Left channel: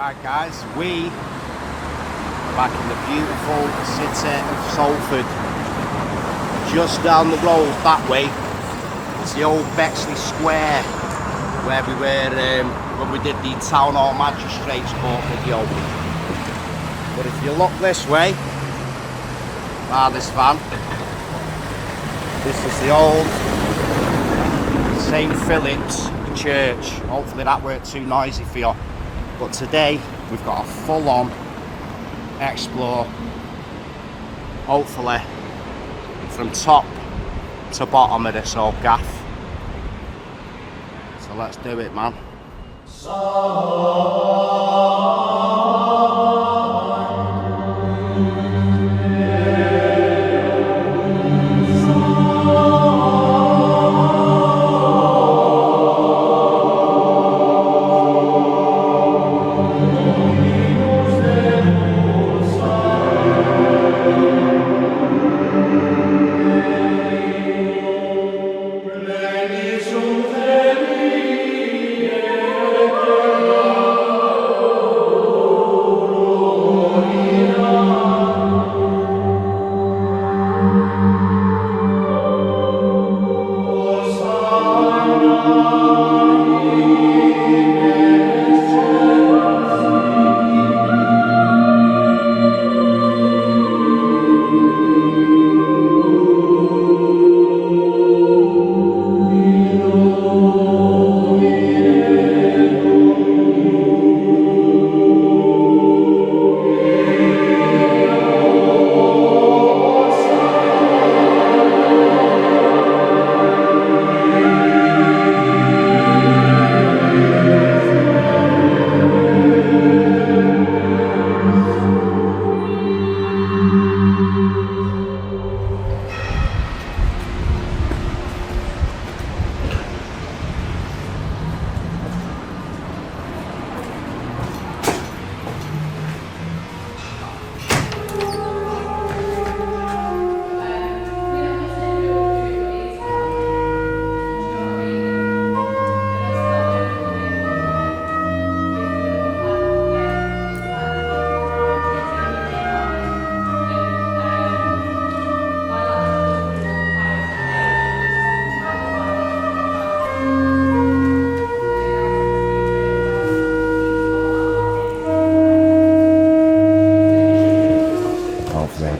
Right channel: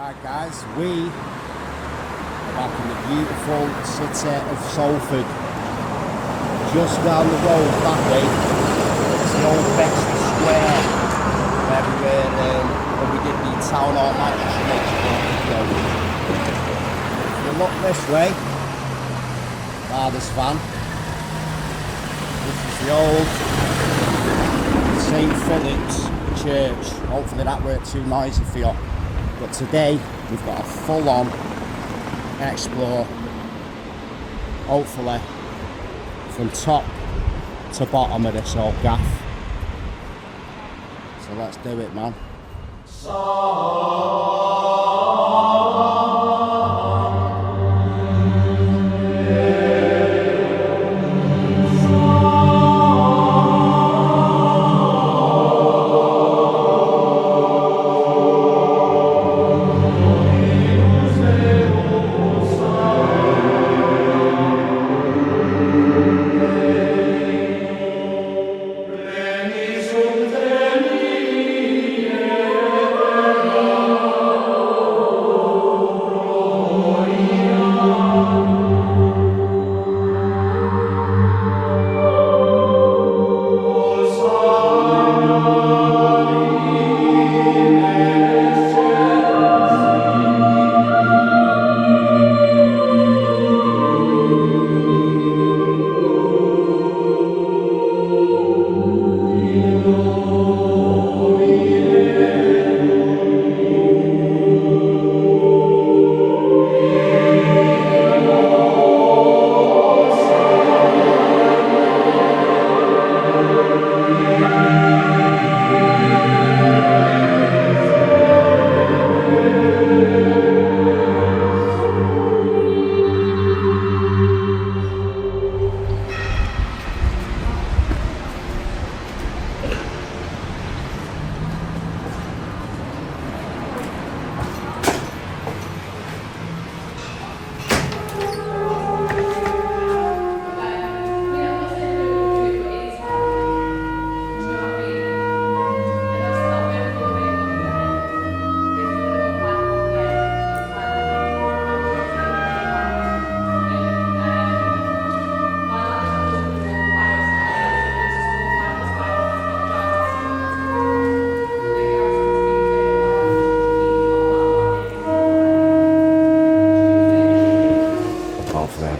Right guys, we are back in the beautiful city of Salford. Just down the road that way, it's the old Bexley Square where we were when we did the Town Hall Magistrates Court film. If you look this way, by this van, this is the old St. Phillips church. Hopefully that weren't too noisy for you. But today we've got a full-on explore, hopefully from top to bottom of this old gaff. So let's do it, man.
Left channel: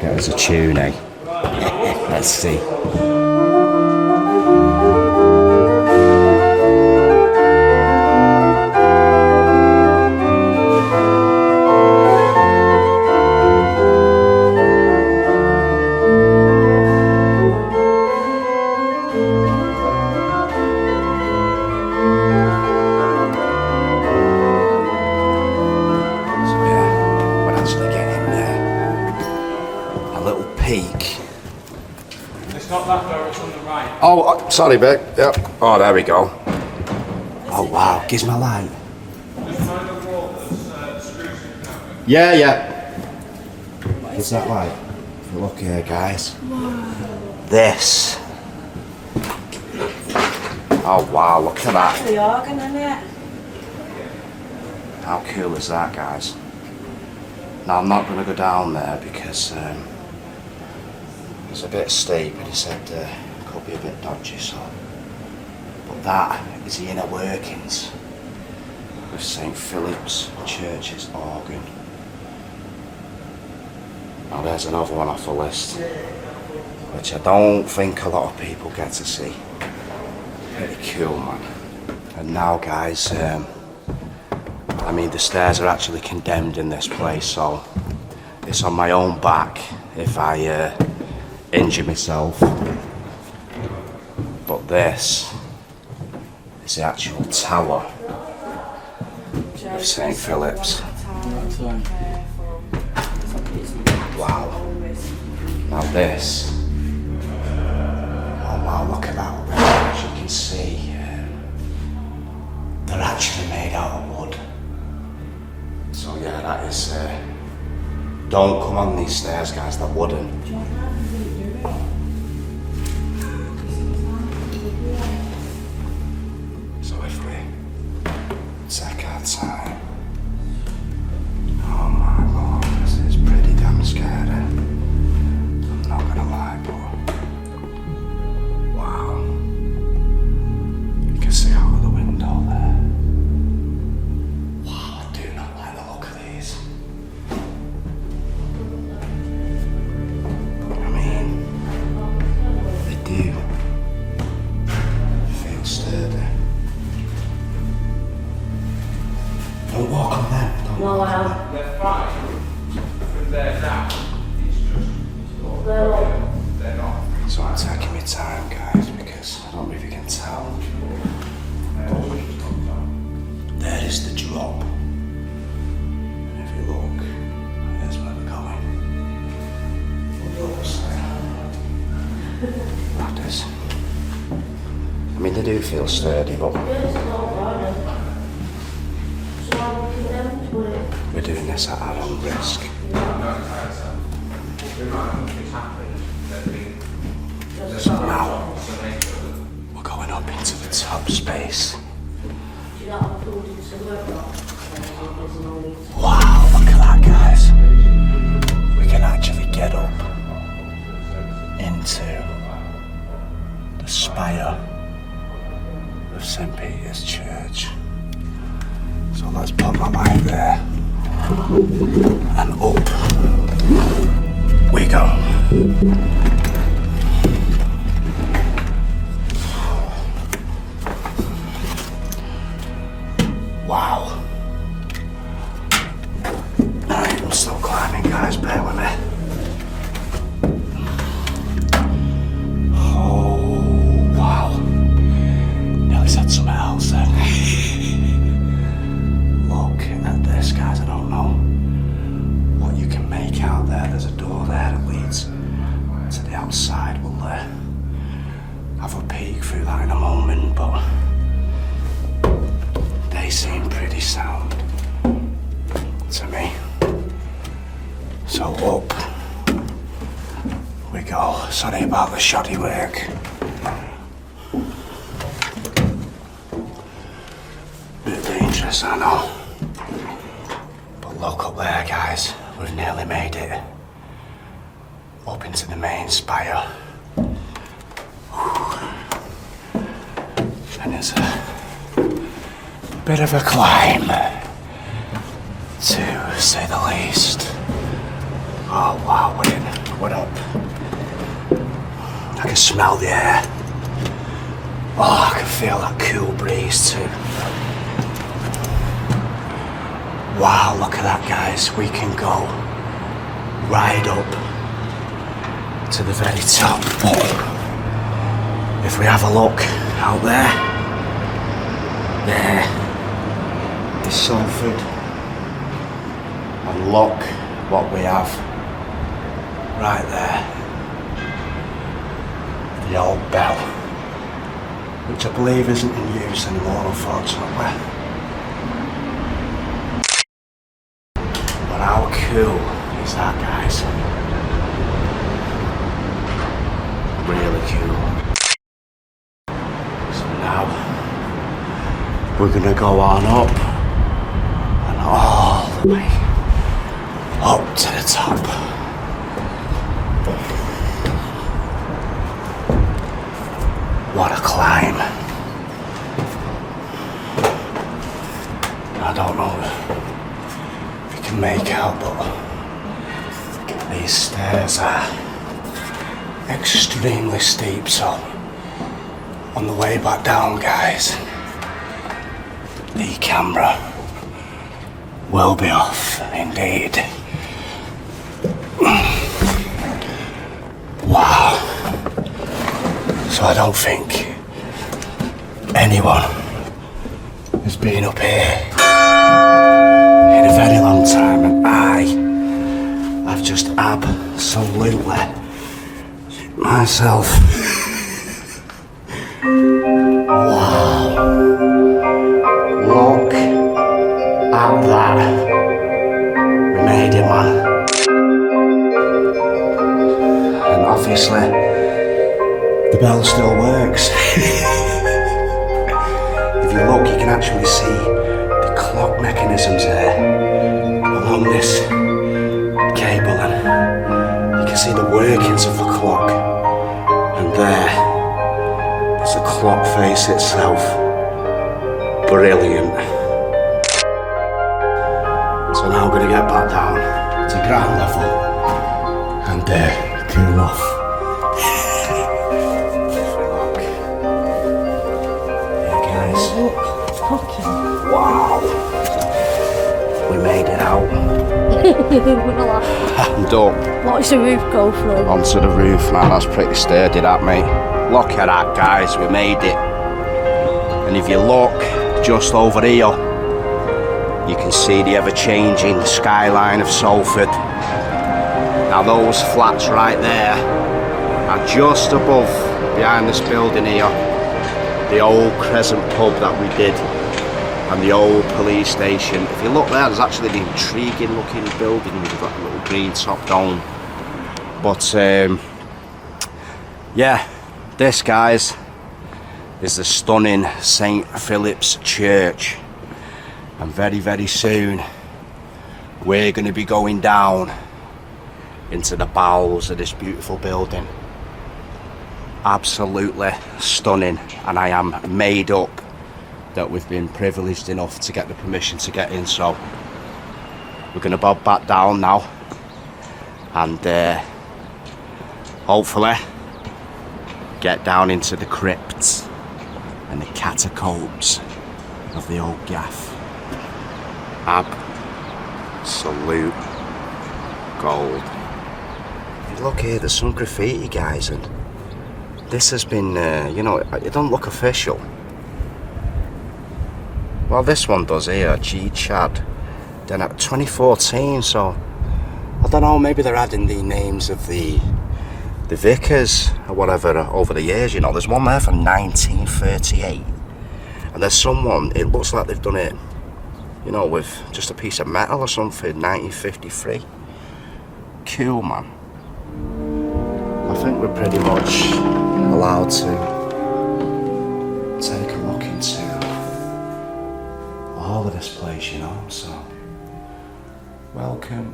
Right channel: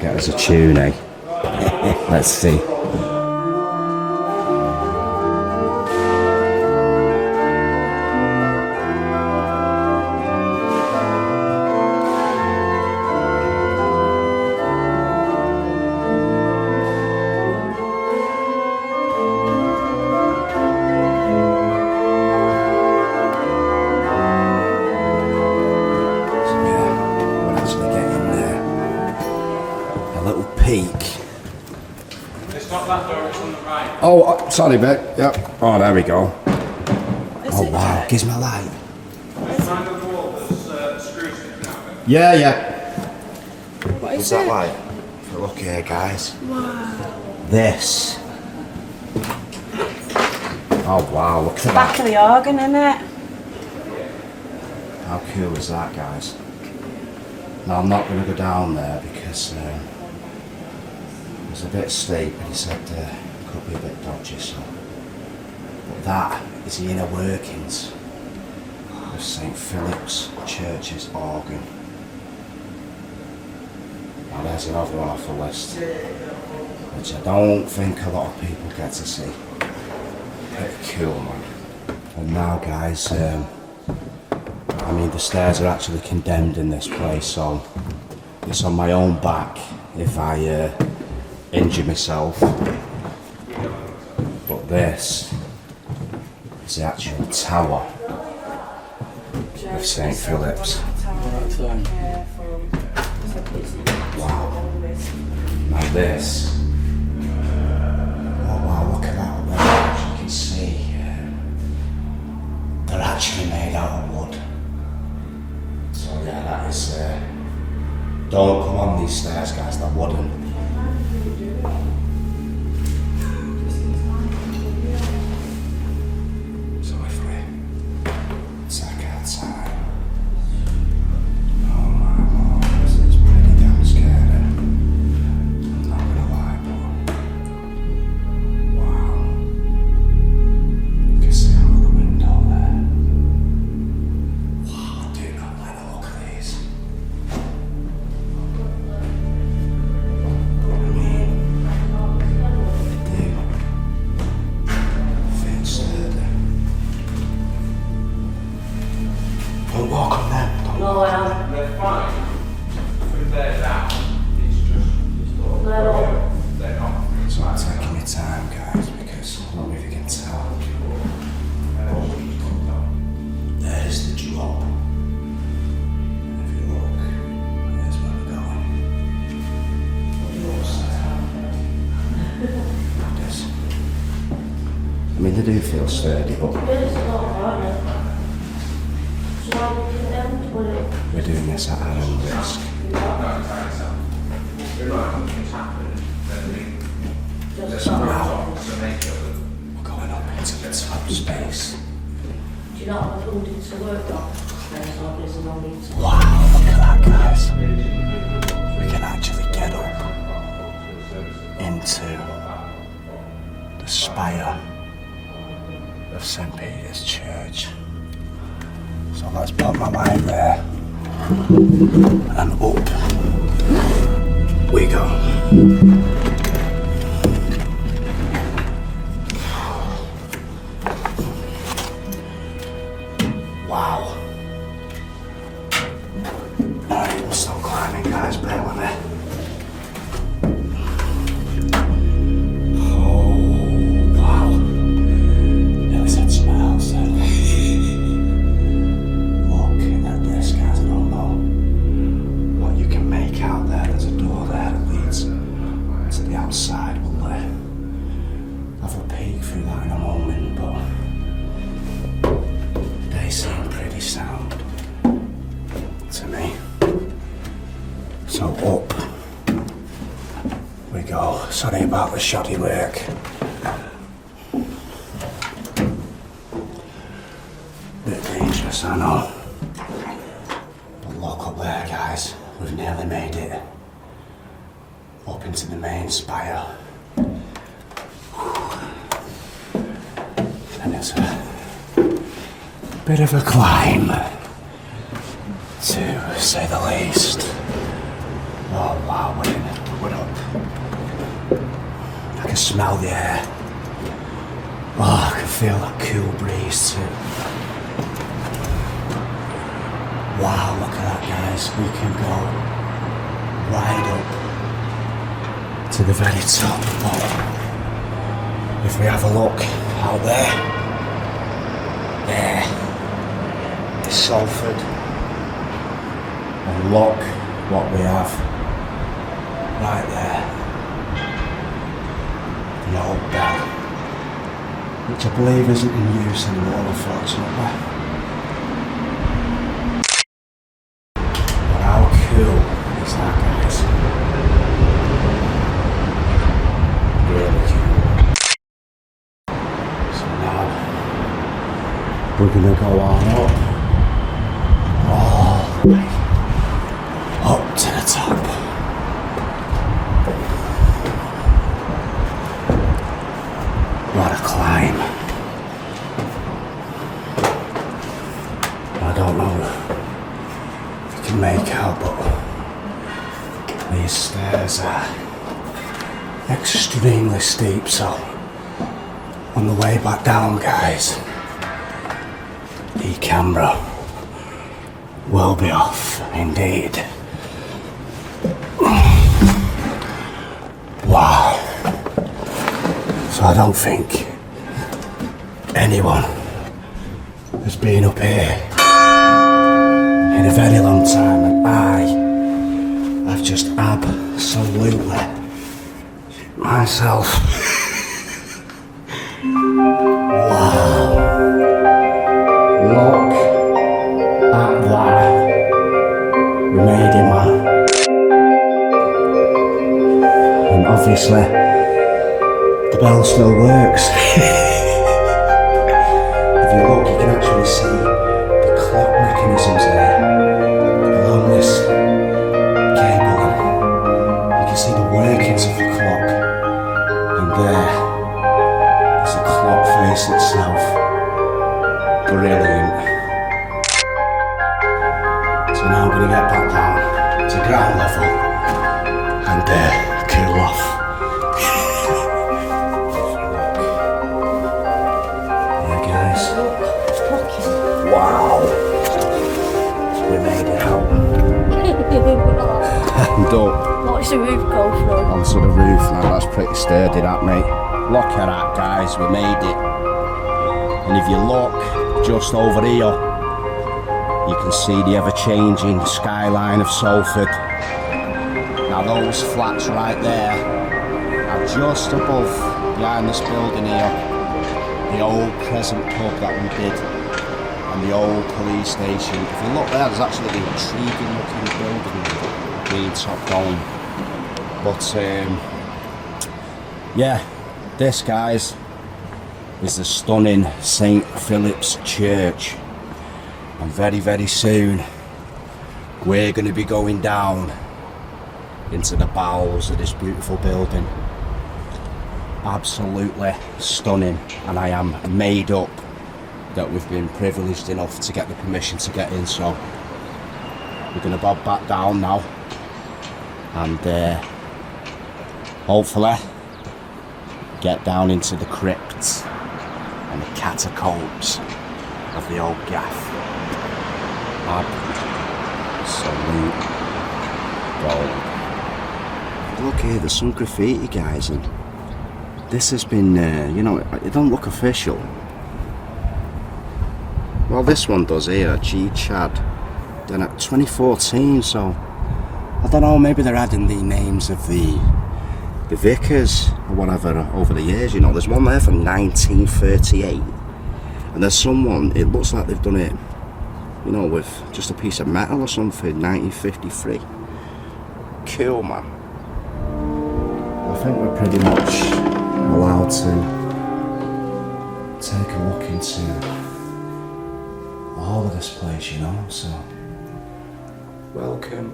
There's a tune, eh? Let's see. It's not that door, it's on the right. Oh, sorry, Beck. Yep. Oh, there we go. Oh, wow. Gives me a light. Yeah. What's that like? Look here, guys. This. Oh, wow. Look at that. Back of the organ, isn't it? How cool is that, guys? Now, I'm not going to go down there because it's a bit steep and he said it could be a bit dodgy, so. But that is the inner workings of St. Phillips Church's organ. Now there's another one off the list, which I don't think a lot of people get to see. Pretty cool, man. And now, guys, I mean, the stairs are actually condemned in this place, so it's on my own back if I injure myself. But this is the actual tower of St. Phillips. Wow. And this. Oh wow, look at that. As you can see, they're actually made out of wood. So yeah, that is. Don't come on these stairs, guys, they're wooden. So if we take our time, No, I am. They're fine. From there now, it's just. They're not. So I'm taking my time, guys, because I don't know if you can tell. There's the drop. And if you look, there's where we're going. Like this. I mean, they do feel sturdy, but we're doing this at our own risk. So now, we're going up into the top space. Wow, look at that, guys. We can actually get up into the spire of St. Peter's Church. So let's put my light there. And up we go. Wow. I'm still climbing, guys, bear with me. Oh, wow. Yeah, we said something else then. Look at this, guys, I don't know what you can make out there. There's a door there that leads to the outside. We'll have a peek through that in a moment, but they seem pretty sound to me. So up we go. Sorry about the shoddy work. Bit dangerous, I know. But look up there, guys. We've nearly made it up into the main spire. And it's a bit of a climb, to say the least. Oh wow, we're up. I can smell the air. Oh, I can feel that cool breeze too. Wow, look at that, guys. We can go right up to the very top. But if we have a look out there, the Salford, and look what we have right there, the old bell, which I believe isn't in use anymore, unfortunately. But how cool is that, guys? Really cool. So now we're gonna go on up and all the way up to the top. What a climb. I don't know if you can make out, but these stairs are extremely steep, so on the way back down, guys, the camera will be off indeed. Wow. So I don't think anyone has been up here in a very long time, and I've just absolutely shit myself. Wow. Look at that. We made it, man. And obviously, the bell still works. If you look, you can actually see the clock mechanisms there along this cable, and you can see the workings of the clock. And there's the clock face itself. Brilliant. So now I'm going to get back down to ground level and cool off. There, guys. Wow. We made it. I'm done. What does the roof go through? Onto the roof now, that's pretty sturdy that, mate. Look at that, guys, we made it. And if you look just over here, you can see the ever-changing skyline of Salford. Now those flats right there are just above, behind this building here, the old Crescent pub that we did, and the old police station. If you look there, there's actually the intriguing looking building with a little green top dome. But yeah, this, guys, is the stunning St. Phillips Church. And very, very soon, we're going to be going down into the bowels of this beautiful building. Absolutely stunning, and I am made up that we've been privileged enough to get the permission to get in, so we're going to bob back down now and hopefully get down into the crypts and the catacombs of the old gaff. Absolute gold. Look here, there's some graffiti, guys, and this has been, you know, it don't look official. Well, this one does here, G Chad, done at 2014, so I don't know, maybe they're adding the names of the vicars or whatever over the years, you know. There's one there from 1938, and there's someone, it looks like they've done it, you know, with just a piece of metal or something, 1953. Cool, man. I think we're pretty much allowed to take a look into all of this place, you know, so welcome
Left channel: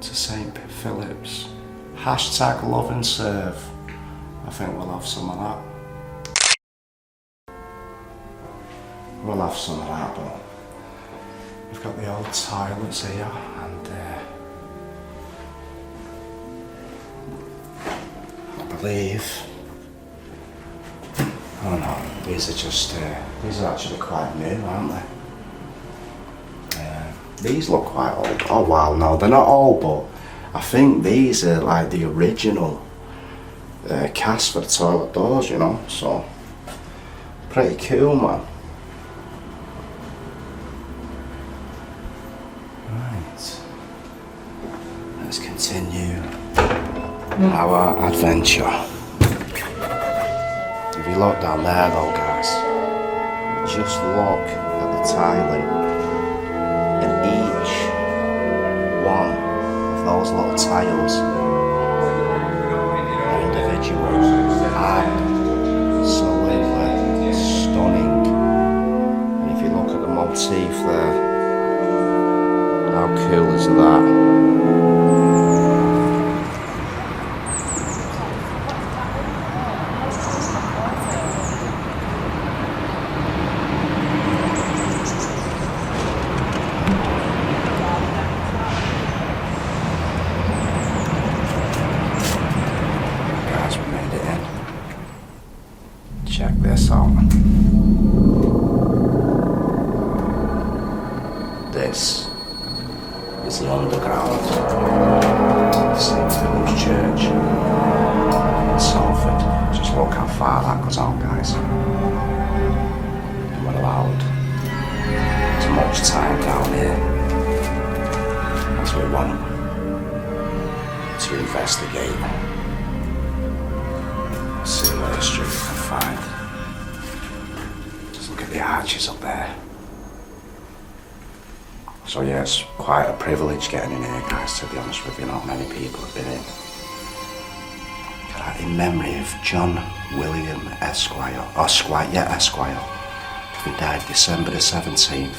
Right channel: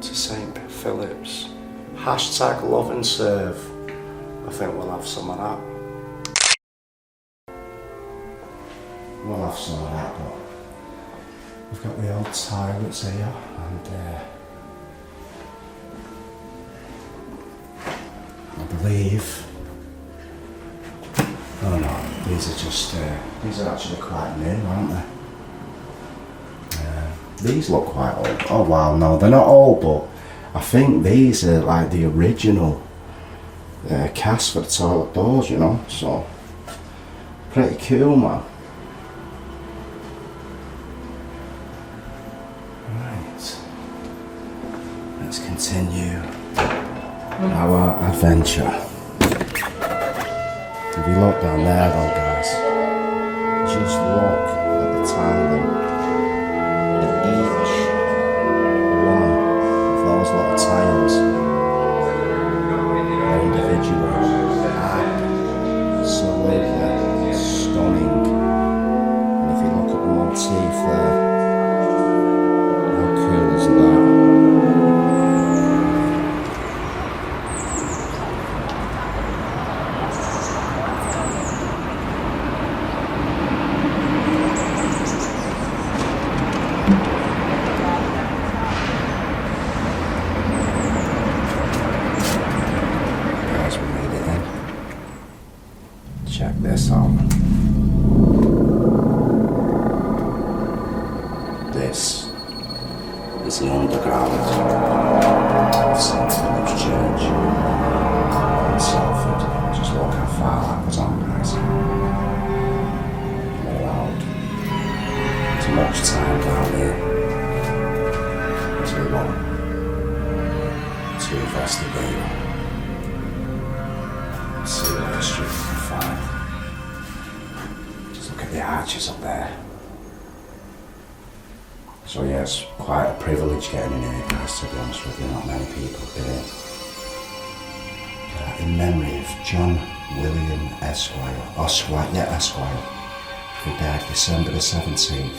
to St. Phillips. Hashtag love and serve. I think we'll have some of that. We'll have some of that, but we've got the old toilets here, and I believe, oh no, these are just, these are actually quite new, aren't they? These look quite old. Oh wow, no, they're not old, but I think these are like the original cast for the toilet doors, you know, so pretty cool, man. Right, let's continue our adventure. If you look down there though, guys, just look at the tiling. Those little tiles are individual, absolutely stunning. And if you look at the motif there, how cool is that? Check this out. This is the underground of St. Philip's Church in Salford. Just look how far that goes on, guys. We're allowed too much time down here as we want to investigate. See what the streets can find. Just look at the arches up there. So yeah, it's quite a privilege getting in here, guys, to be honest with you. Not many people have been in. In memory of John William Esquire, who died December the 17th,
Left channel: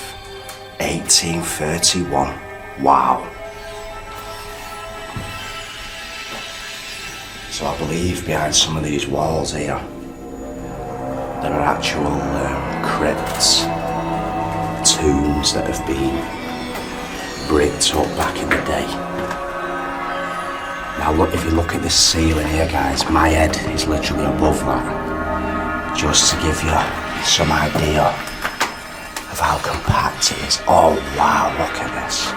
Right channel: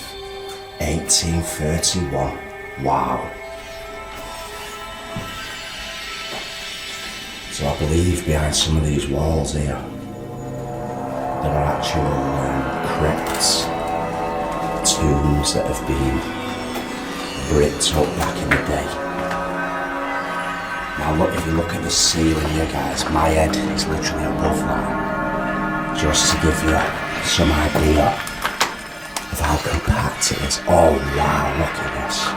1831. Wow. So I believe behind some of these walls here, there are actual crypts, tombs that have been bricked up back in the day. Now look, if you look at this ceiling here, guys, my head is literally above that. Just to give you some idea of how compact it is. Oh wow, look at this.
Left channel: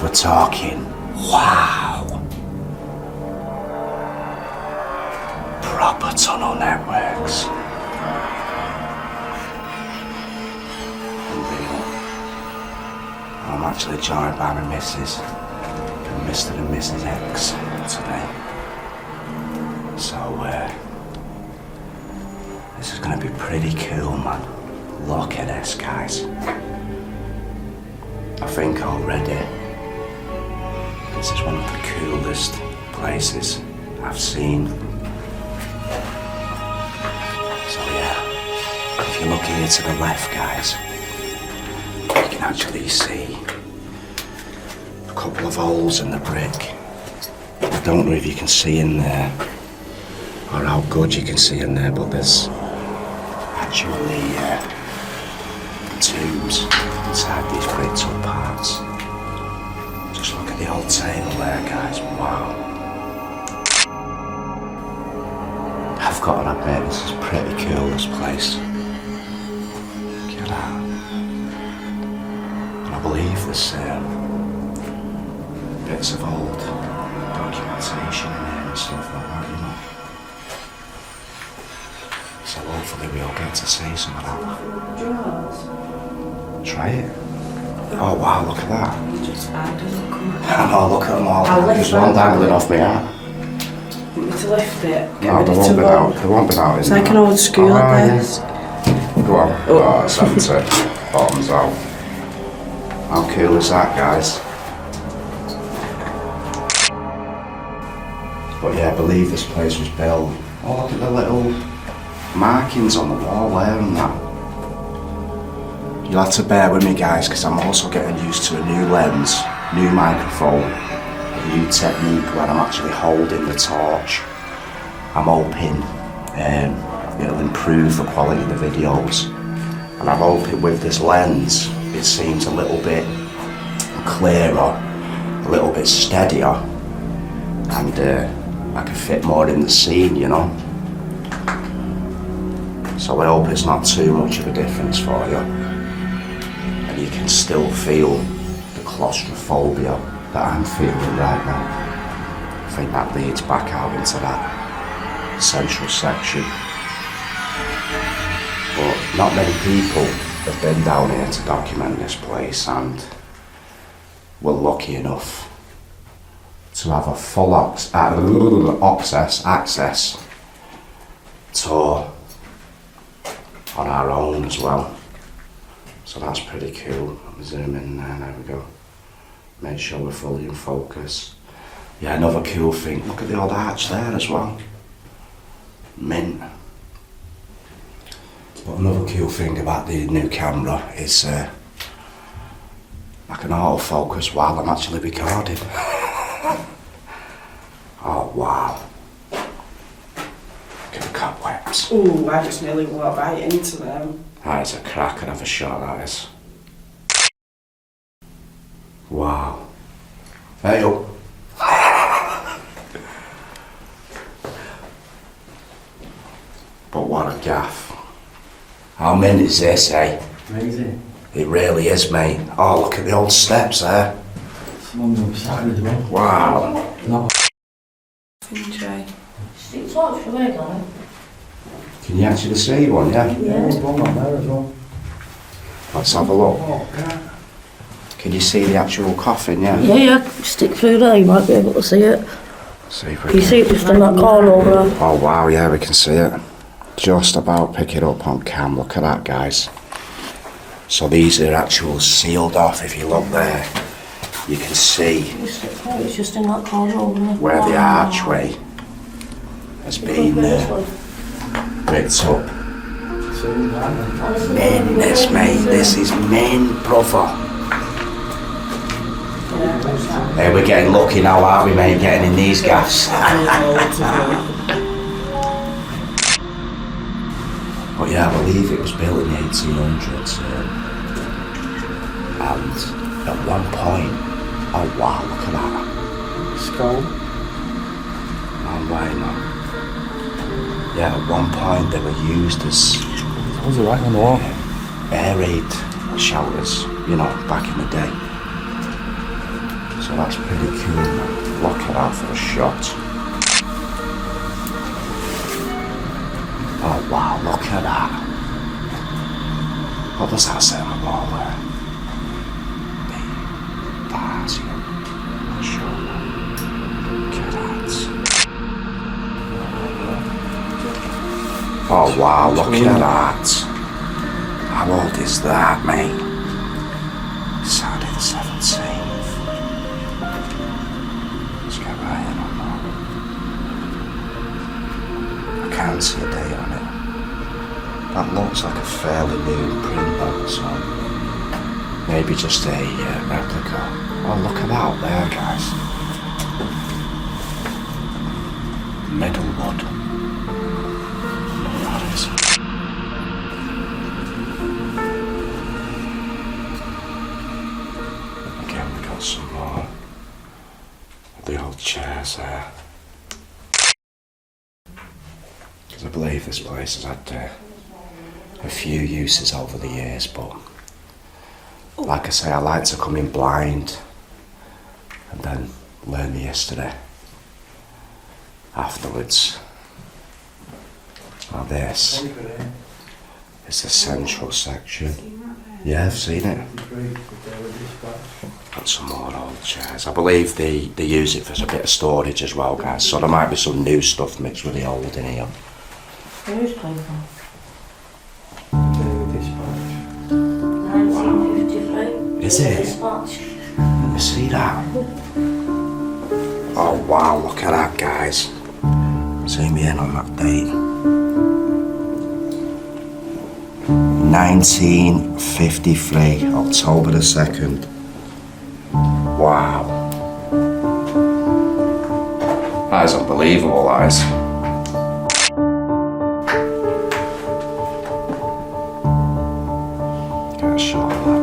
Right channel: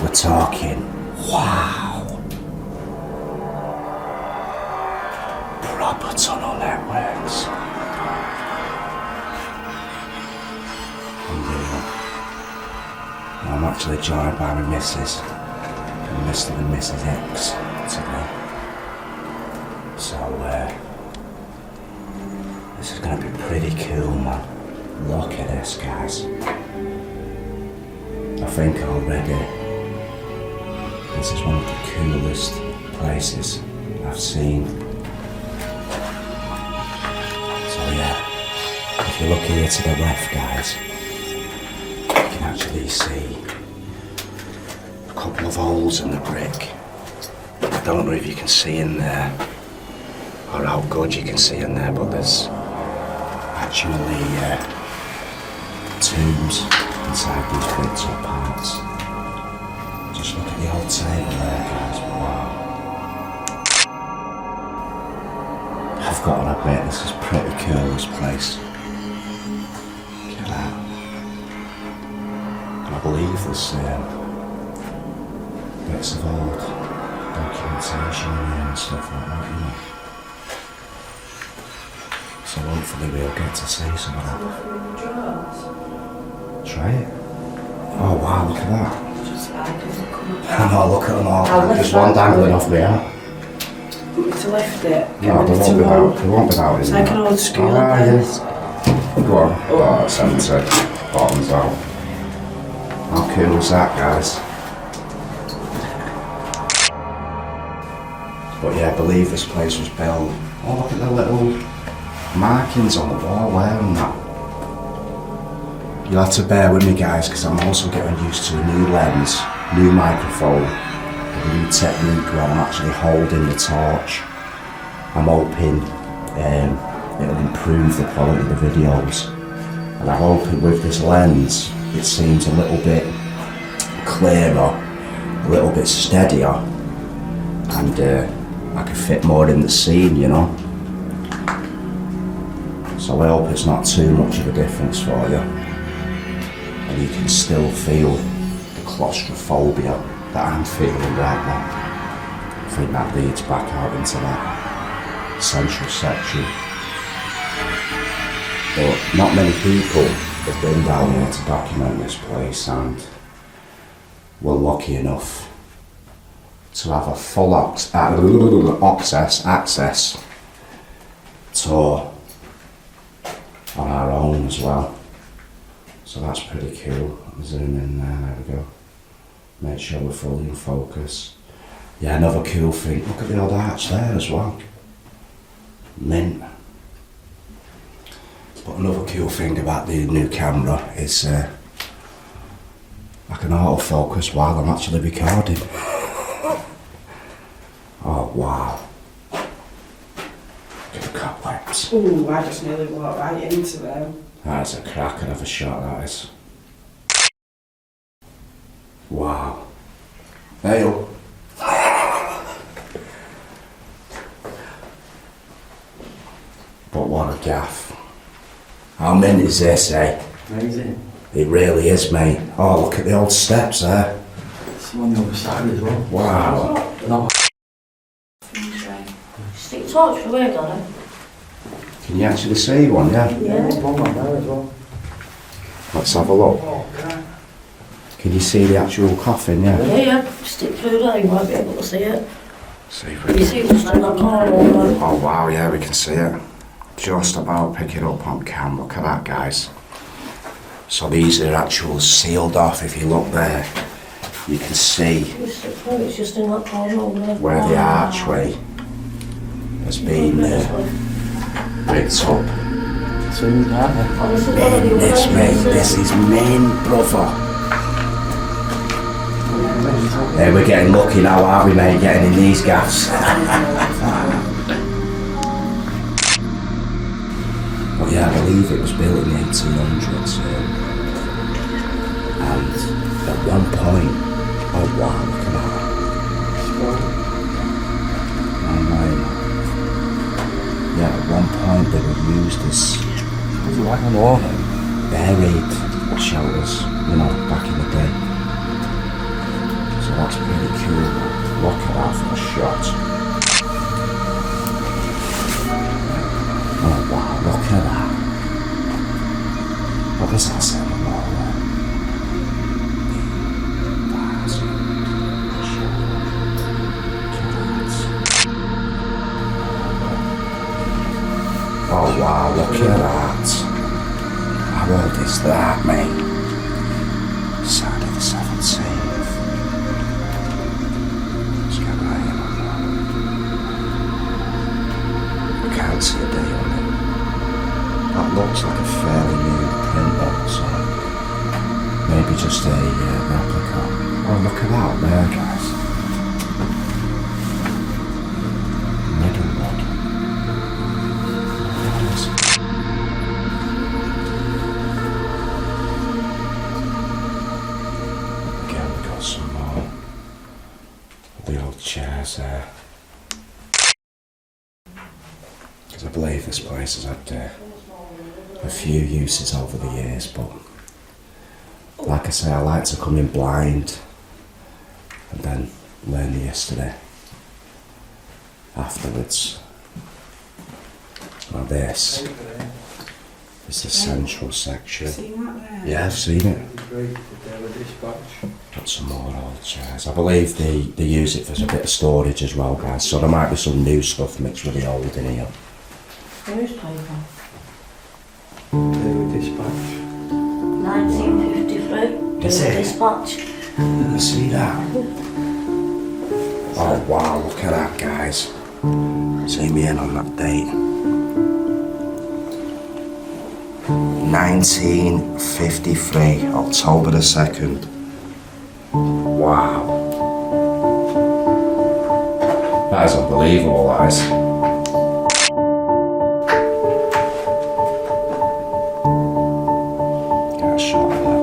We're talking, wow. Proper tunnel networks. Unreal. I'm actually joined by my missus and Mr. and Mrs. X today. So, this is going to be pretty cool, man. Look at this, guys. I think already this is one of the coolest places I've seen. So yeah, if you're looking here to the left, guys, you can actually see a couple of holes in the brick. I don't know if you can see in there or how good you can see in there, but there's actually tombs inside the critical parts. Just look at the old table there, guys. Wow. I've got to admit, this is pretty cool, this place. Look at that. I believe there's bits of old documentation in there and stuff like that, you know. So hopefully we'll get to see some of that. Try it. Oh wow, look at that. I know, look at them all. There's one dangling off my arm. To lift it. No, they won't be out. It's like an old school, I guess. Go on. Oh, 70. Bottoms out. How cool is that, guys? But yeah, I believe this place was built. Oh, look at the little markings on the wall there and that. You'll have to bear with me, guys, because I'm also getting used to a new lens, new microphone, a new technique where I'm actually holding the torch. I'm hoping it'll improve the quality of the videos. And I'm hoping with this lens, it seems a little bit clearer, a little bit steadier, and I can fit more in the scene, you know. So I hope it's not too much of a difference for you. And you can still feel the claustrophobia that I'm feeling right now. I think that leads back out into that central section. But not many people have been down here to document this place, and we're lucky enough to have a full access tour on our own as well. So that's pretty cool. Zoom in there we go. Make sure we're fully in focus. Yeah, another cool thing, look at the old arch there as well. Mint. But another cool thing about the new camera is I can autofocus while I'm actually recording. Oh wow. Look at the cobwebs. Ooh, I just nearly walked right into them. That is a cracker of a shot, that is. Wow. Hey up. But what a gaff. How mint is this, eh? Amazing. It really is, mate. Oh, look at the old steps there. It's on the other side as well. Wow. No. Stick torch for where, Donna? Can you actually see one, yeah? Yeah, there's one on there as well. Let's have a look. Oh, God. Can you see the actual coffin, yeah? Yeah, stick through there, you might be able to see it. See if we You can. see it just in that corner over there. Oh wow, yeah, we can see it. Just about pick it up on cam. Look at that, guys. So these are actual sealed off. If you look there, you can see It's just in that corner over there. where the archway has been bricked up. Soon, aren't they? Men, this mate, this is men, brother. Hey, we're getting lucky now, aren't we, mate? Getting in these gaffs. But yeah, I believe it was built in the 1800s. And at one point, oh wow, look at that. Skull. Oh my God. Yeah, at one point they were used as Was it right on the wall? buried showers, you know, back in the day. So that's pretty cool. Look at that for a shot. Oh wow, look at that. What does that say on the wall there? That's for sure. Oh wow, look at that. How old is that, mate? Side of the 17th. Let's get right in on that. I can't see a date on it. That looks like a fairly new print though, so maybe just a replica. Oh, look at that there, guys. Middlewood. What is it? Again, we got some more of the old chairs there. Because I believe this place has had a few uses over the years, but like I say, I like to come in blind and then learn the yesterday afterwards. Now this is the central section. Yeah, I've seen it. Got some more old chairs. I believe they use it for a bit of storage as well, guys, so there might be some new stuff mixed with the old in here. Newspaper. Daily Dispatch. 1953. Is it? Dispatch. Let me see that. Oh wow, look at that, guys. Zoom me in on that date. 1953, October the 2nd. Wow. That is unbelievable, that is. Get a shot of that.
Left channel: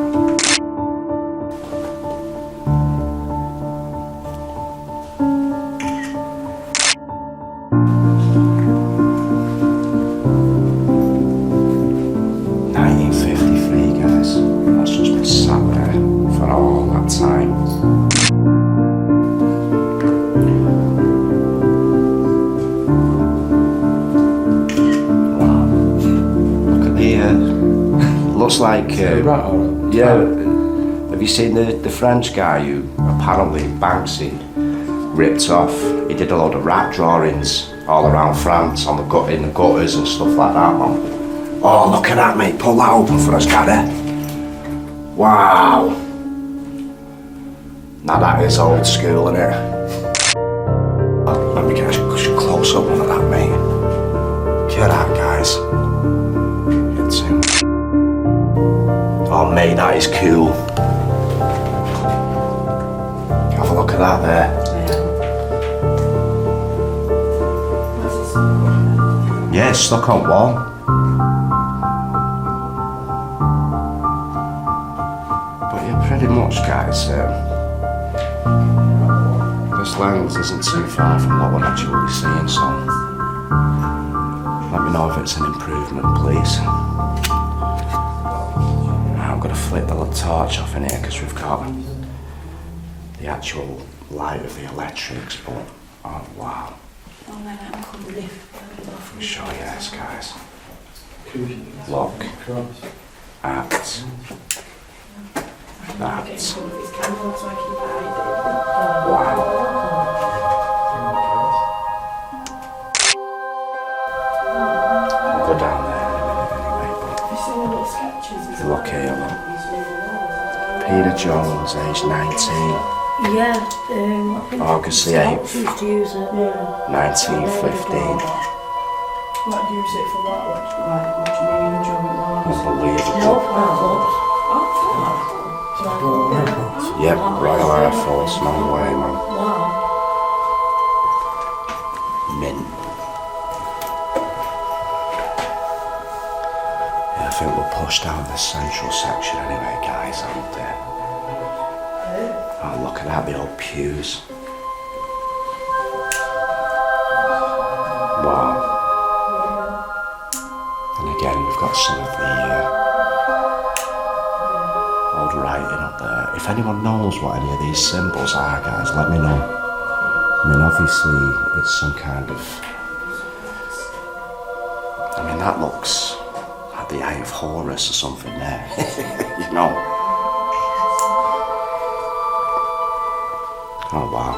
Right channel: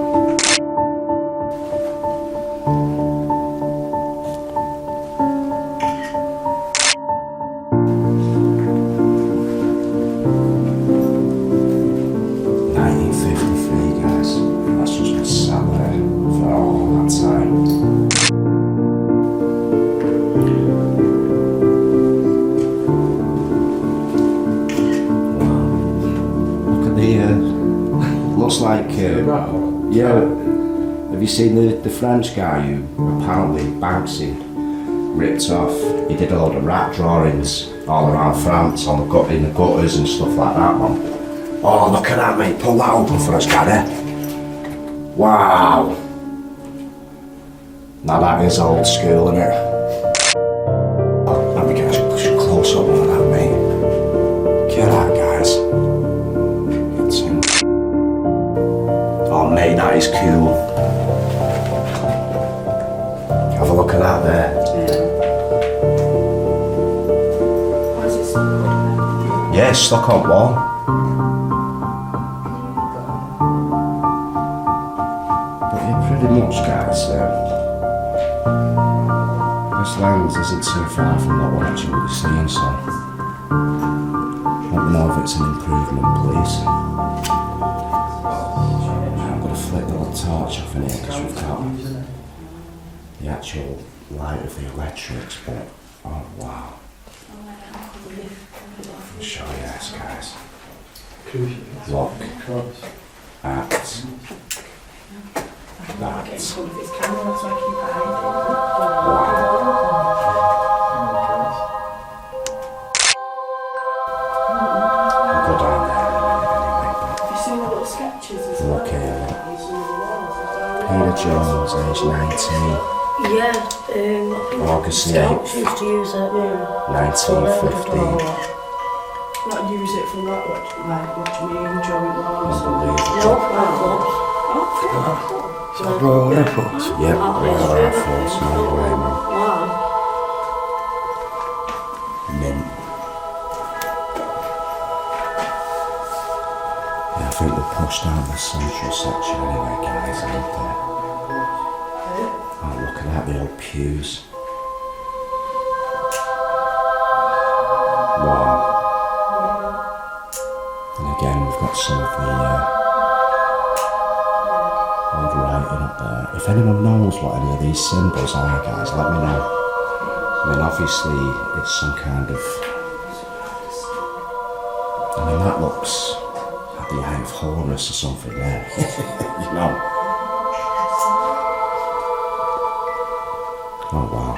Looks like, yeah, have you seen the French guy who apparently Banksy ripped off? He did a lot of rat drawings all around France on in the gutters and stuff like that. Oh, look at that, mate. Pull that open for us, Gary. Wow. Now that is old school, isn't it? Let me get a close up on that, mate. Look at that, guys. Oh mate, that is cool. Have a look at that there. Yeah, it's stuck on wall. But yeah, pretty much, guys. This lens isn't too far from what we're actually seeing, so let me know if it's an improvement, please. Flip the little torch off in here because we've got the actual light of the electrics, but oh wow. I'll show you this, guys. Look at that. Wow. I'll go down there in a minute anyway, but Have you seen the little sketches? look here, look. Peter Jones, age 19, Yeah, I think August the Scouts 8th, used to use it. 1915. What, use it for what? Like, what do you mean? Drawing walls? Unbelievable. No, flip-flops. Oh, Yep, Royal Air Force, no way, man. Wow. Mint. Yeah, I think we'll push down the central section anyway, guys, and oh, look at that, the old pews. Wow. And again, we've got some of the old writing up there. If If anyone knows what any of these symbols are, guys, let me know. I mean, obviously, it's some kind of... I mean, that looks like the Eye of Horus or something there. You know? Oh, wow.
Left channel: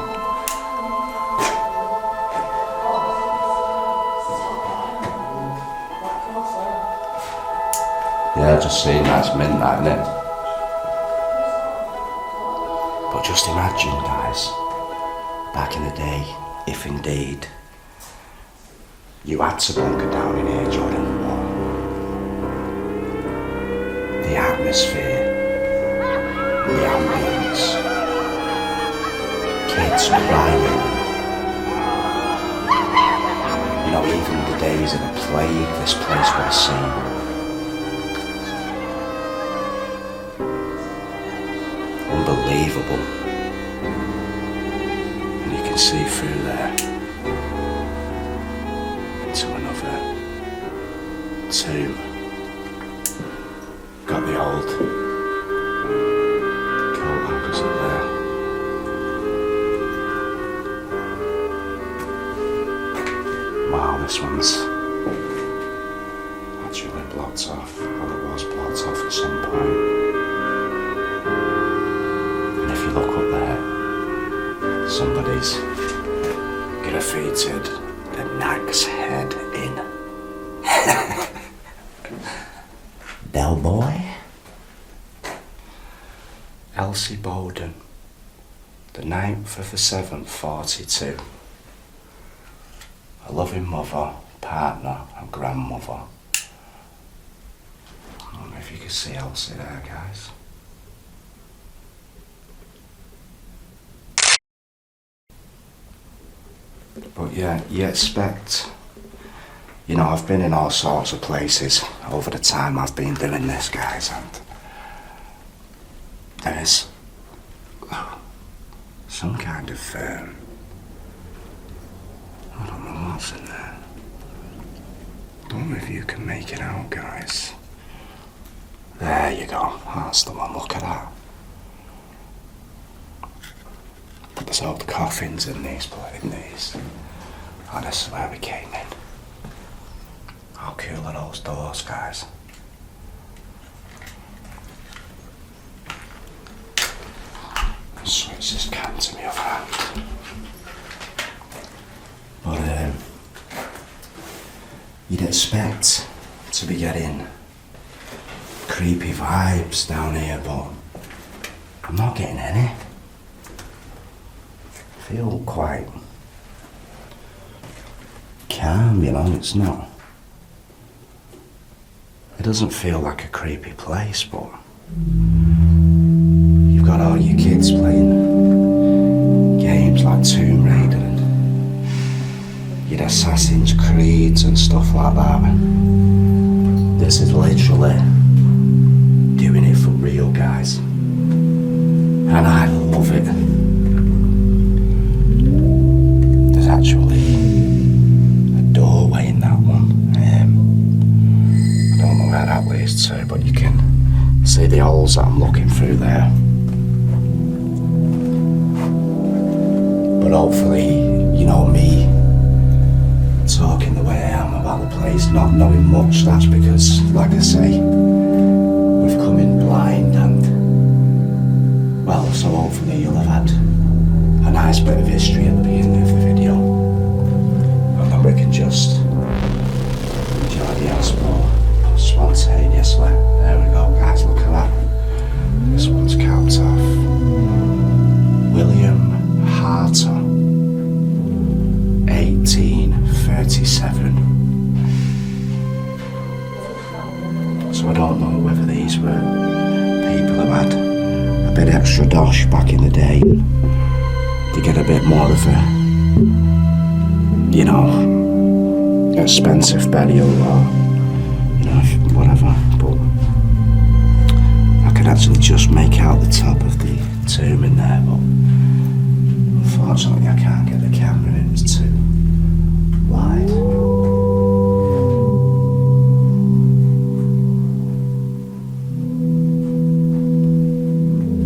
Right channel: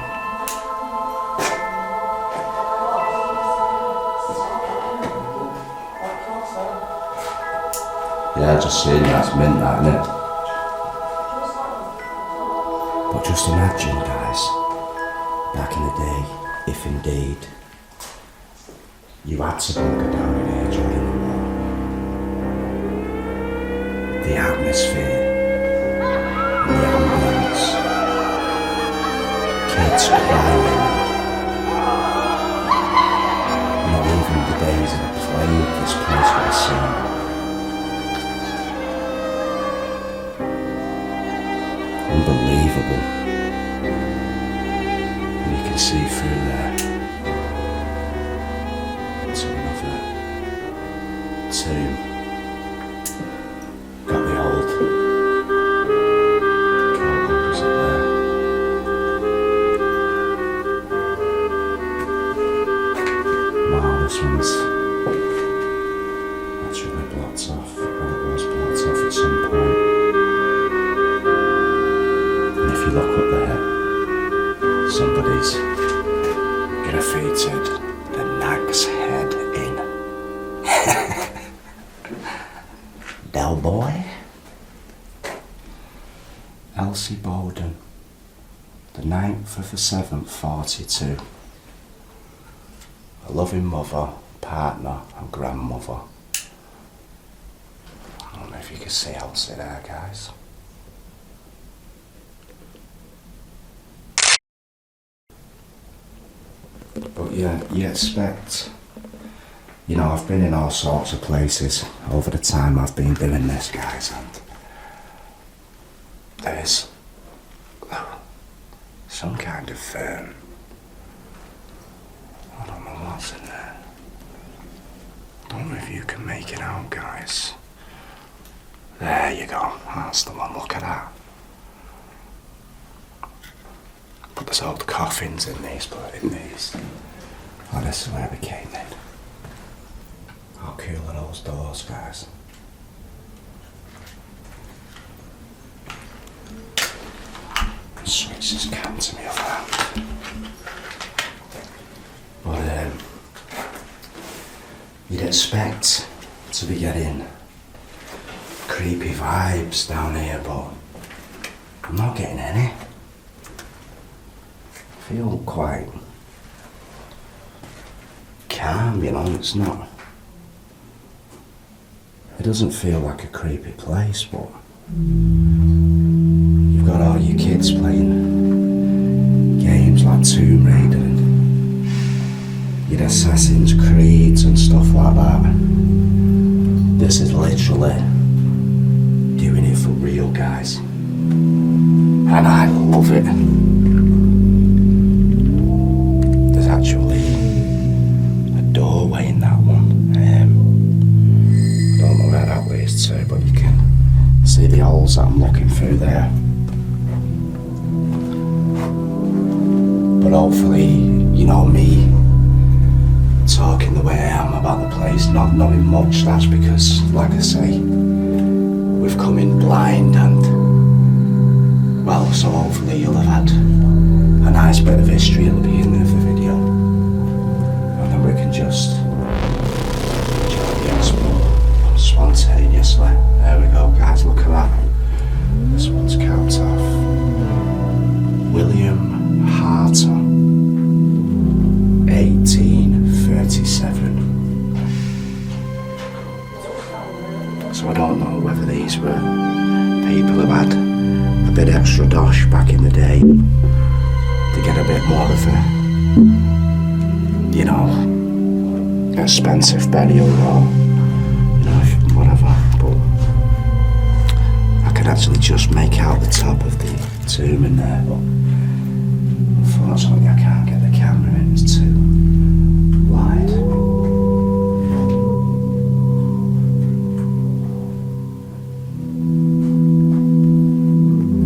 Yeah, just seeing that's mint, that, innit? But just imagine, guys, back in the day, if indeed you had to bunker down in here during the war, the atmosphere, the ambience, kids crying, not even the days of playing this place with the sun. Unbelievable. And you can see through there to another tomb. Got the old coat opposite there. Wow, this one's actually blocked off. Well, it was blocked off at some point. If you look up there, somebody's graffitied the nag's head in. Del Boy, Elsie Bowden, the 9th of the 7th, 42. A loving mother, partner, and grandmother. I don't know if you can see Elsie there, guys. But yeah, you expect, you know, I've been in all sorts of places over the time I've been doing this, guys, and there's some kind of, I don't know what's in there. Don't know if you can make it out, guys. There you go, that's the one, look at that. But there's old coffins in these, Oh, this is where we came in. How cool are those doors, guys? Switch this cam to me around. But you'd expect to be getting creepy vibes down here, but I'm not getting any. I feel quite calm, you know, it's not. It doesn't feel like a creepy place, but you've got all your kids playing games like Tomb Raider and your Assassin's Creeds and stuff like that. This is literally doing it for real, guys. And I love it. There's actually a doorway in that one. I don't know where that leads to, but you can see the holes that I'm looking through there. But hopefully, you know, me talking the way I am about the place, not knowing much, that's because, like I say, we've come in blind and, well, so hopefully you'll have had a nice bit of history at the beginning of the video. And then we can just enjoy the expo spontaneously. There we go, guys, look at that. This one's capped off. William Harter, 1837. So I don't know whether these were people who had a bit extra dosh back in the day to get a bit more of a, you know, expensive burial or, you know, whatever. But I could actually just make out the top of the tomb in there, but unfortunately I can't get the camera in, it's too wide.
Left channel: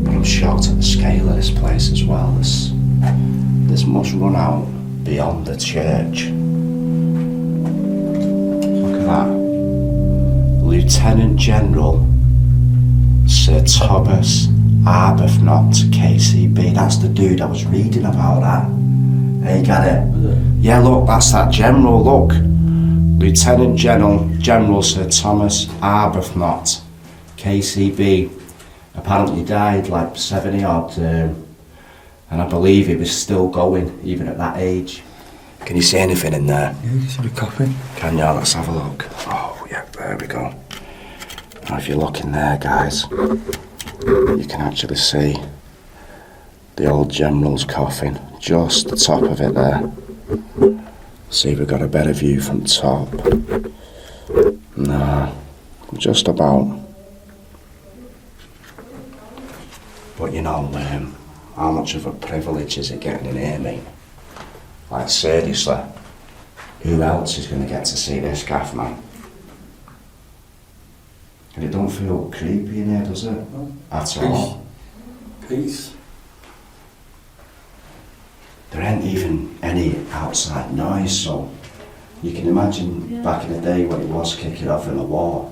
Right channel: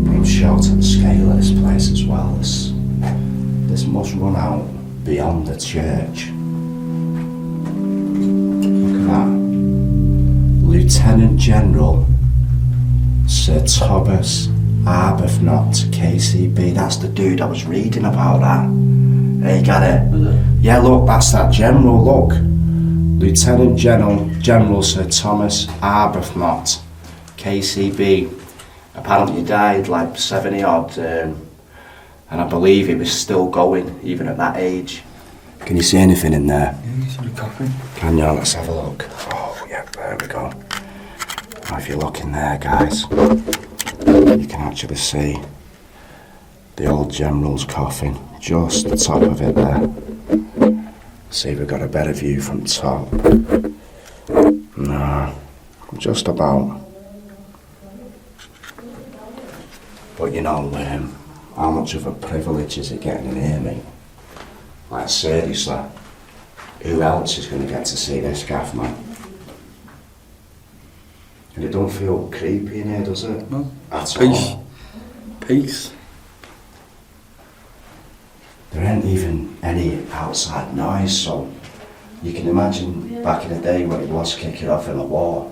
I'm shocked looked at the scale of this place as well. This must run out beyond the church. Look at that. Lieutenant General Sir Thomas Arbuthnot, KCB. That's the dude I was reading about that. There you got it. Yeah, look, that's that general, look. Lieutenant General Sir Thomas Arbuthnot, KCB. Apparently died like 70 odd, and I believe he was still going even at that age. Can you see anything in there? Yeah, you can see the coffin. Can you? Let's have a look. Oh, yeah, there we go. Now, if you look in there, guys, you can actually see the old general's coffin, just the top of it there. See if we've got a better view from top. No, just about. But you know, how much of a privilege is it getting in here, mate? Like, seriously, who else is going to get to see this gaff, man? And it don't feel creepy in here, does it? No. At Peace. all. Peace. There ain't even any outside noise, so you can imagine back in the day when it was kicking off in a war,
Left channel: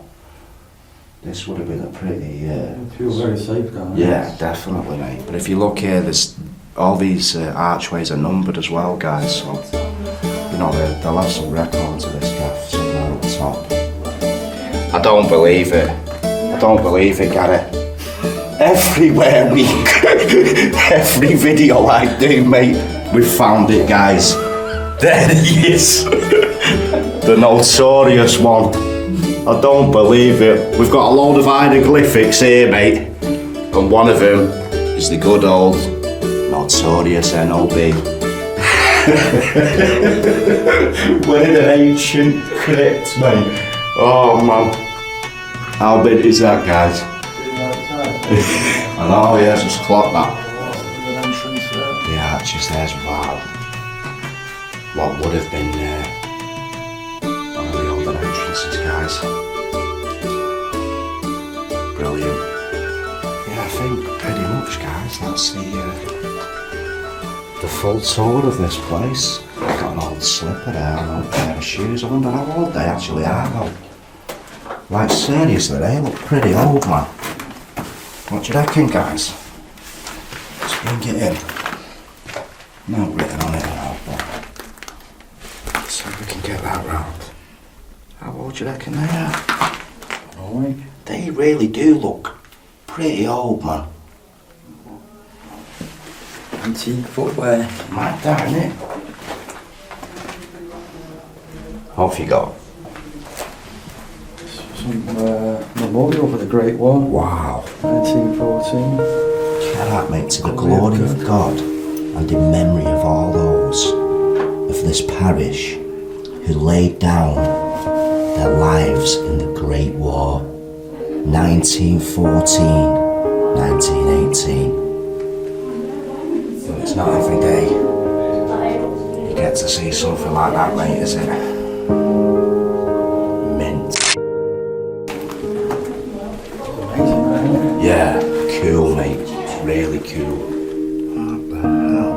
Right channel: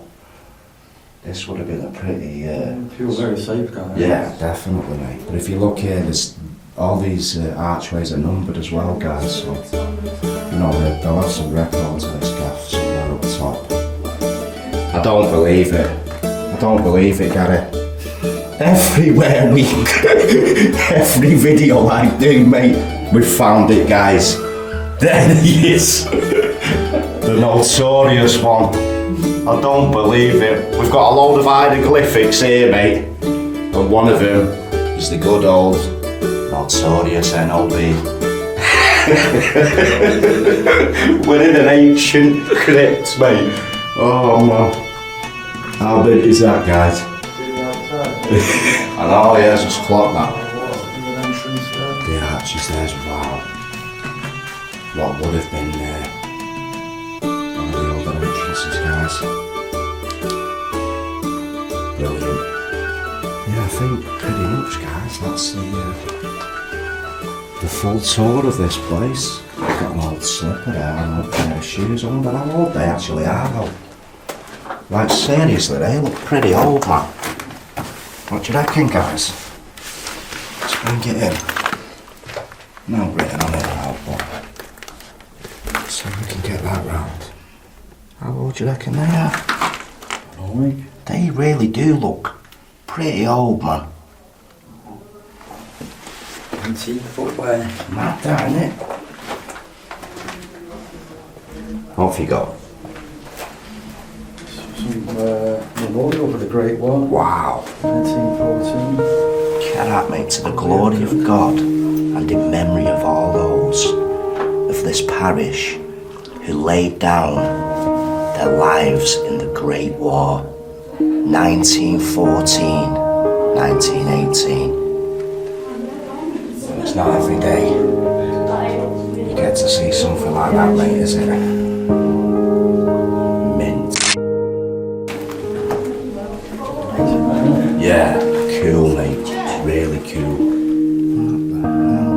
this would have been a pretty... Feel very safe, guys. Yeah, definitely, mate. And if you look here, there's all these archways are numbered as well, guys, so you know, they'll have some record to this gaff somewhere up top. I don't believe it. I don't believe it, Gary. Everywhere we every video I do, mate, we found it, guys. There he is. The notorious one. I don't believe it. We've got a load of hieroglyphics here, mate. And one of them is the good old notorious NOB. We're in an ancient crypt, mate. Oh man. How big is that, guys? I know, yeah, just clock that. The arches there's, wow. What would have been one of the older entrances, guys. Brilliant. Yeah, I think pretty much, guys, that's the full tour of this place. I've got an old slipper there, an old pair of shoes. I wonder how old they actually are, though. Like, seriously, they look pretty old, man. What do you reckon, guys? Let's bring it in. No written on it now, but so we can get that round. How old do you reckon they are? Alright. They really do look pretty old, man. 18 footwear. Mad that, innit? Off you go. Some memorial for the Great War. Wow. 1914. Get that, mate, to the glory of God and in memory of all those of this parish who laid down their lives in the Great War, 1914, 1918. It's not every day you get to see something like that, mate, is it? Mint. Yeah, cool, mate. Really cool. What the hell?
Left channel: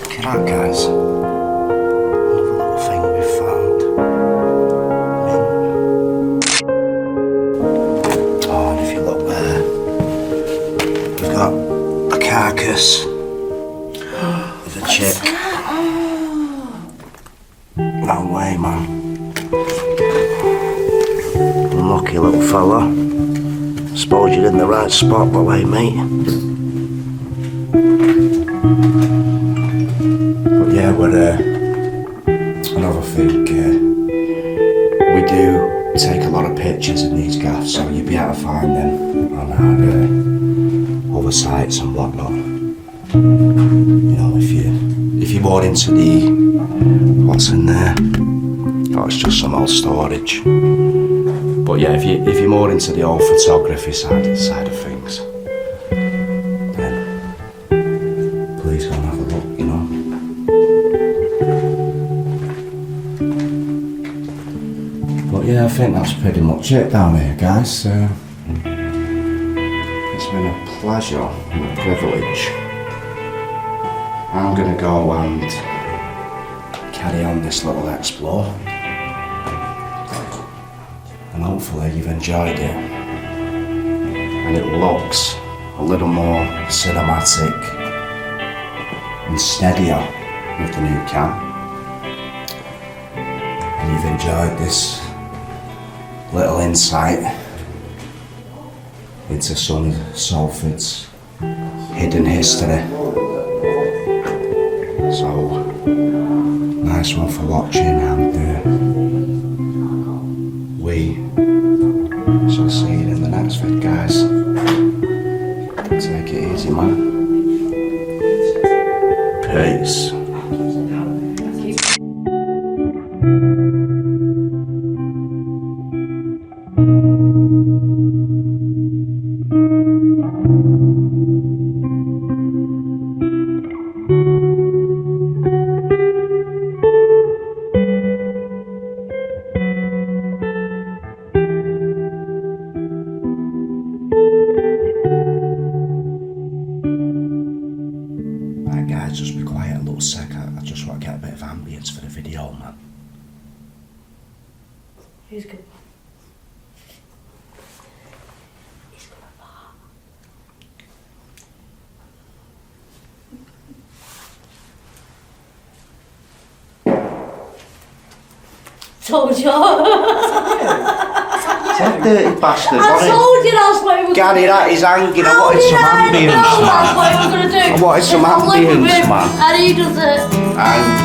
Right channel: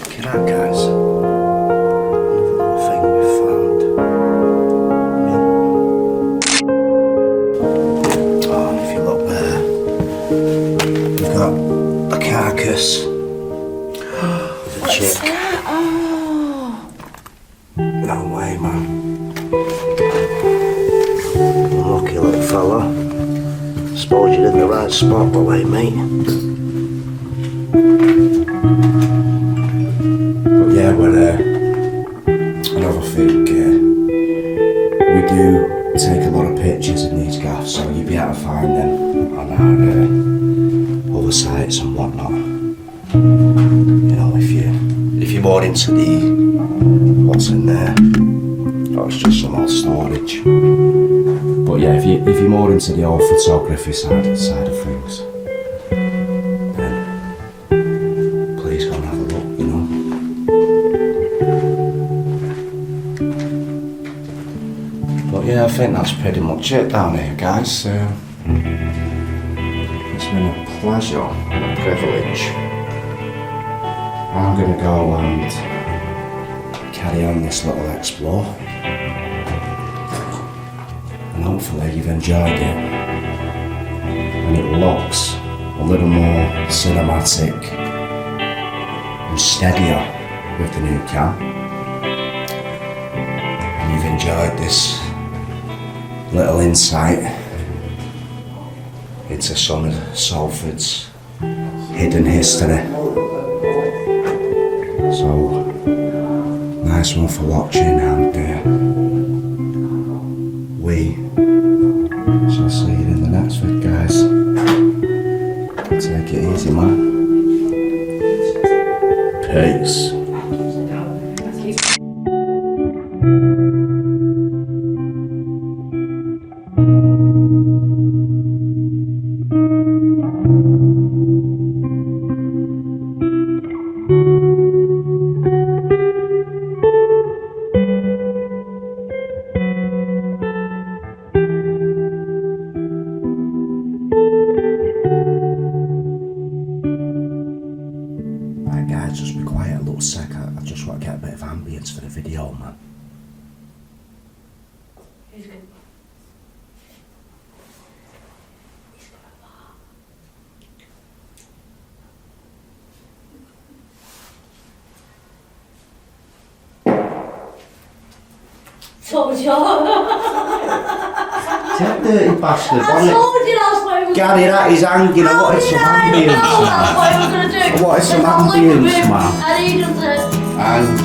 Look at that, guys. Another little thing we found. Mint. Oh, and if you look there, we've got a carcass with a chick. No way, man. Lucky little fella. Suppose you're in the right spot, the way, mate. But yeah, we're another thing. We do take a lot of pictures in these gaffs, so you'll be able to find them on our other sites and whatnot. You know, if you're more into the what's in there, oh, it's just some old storage. But yeah, if you're more into the old photography side of things, then please go and have a look, you know. But yeah, I think that's pretty much it down here, guys. So been a pleasure and a privilege. I'm going to go and carry on this little explore. And hopefully you've enjoyed it. And it looks a little more cinematic and steadier with the new cam. And you've enjoyed this little insight into some of Salford's hidden history. So, nice one for watching, and we shall see you in the next vid, guys. Take it easy, man. Peace. Right guys, just be quiet a little sec. I just want to get a bit of ambience for the video, man. Who's good? Told you. That dirty bastard, I told you that's what it was. Gary, that is hanging. I How wanted did some I ambience. know that's what I was going to do? What is Because some I'm like with ambience, him man? and he does it. And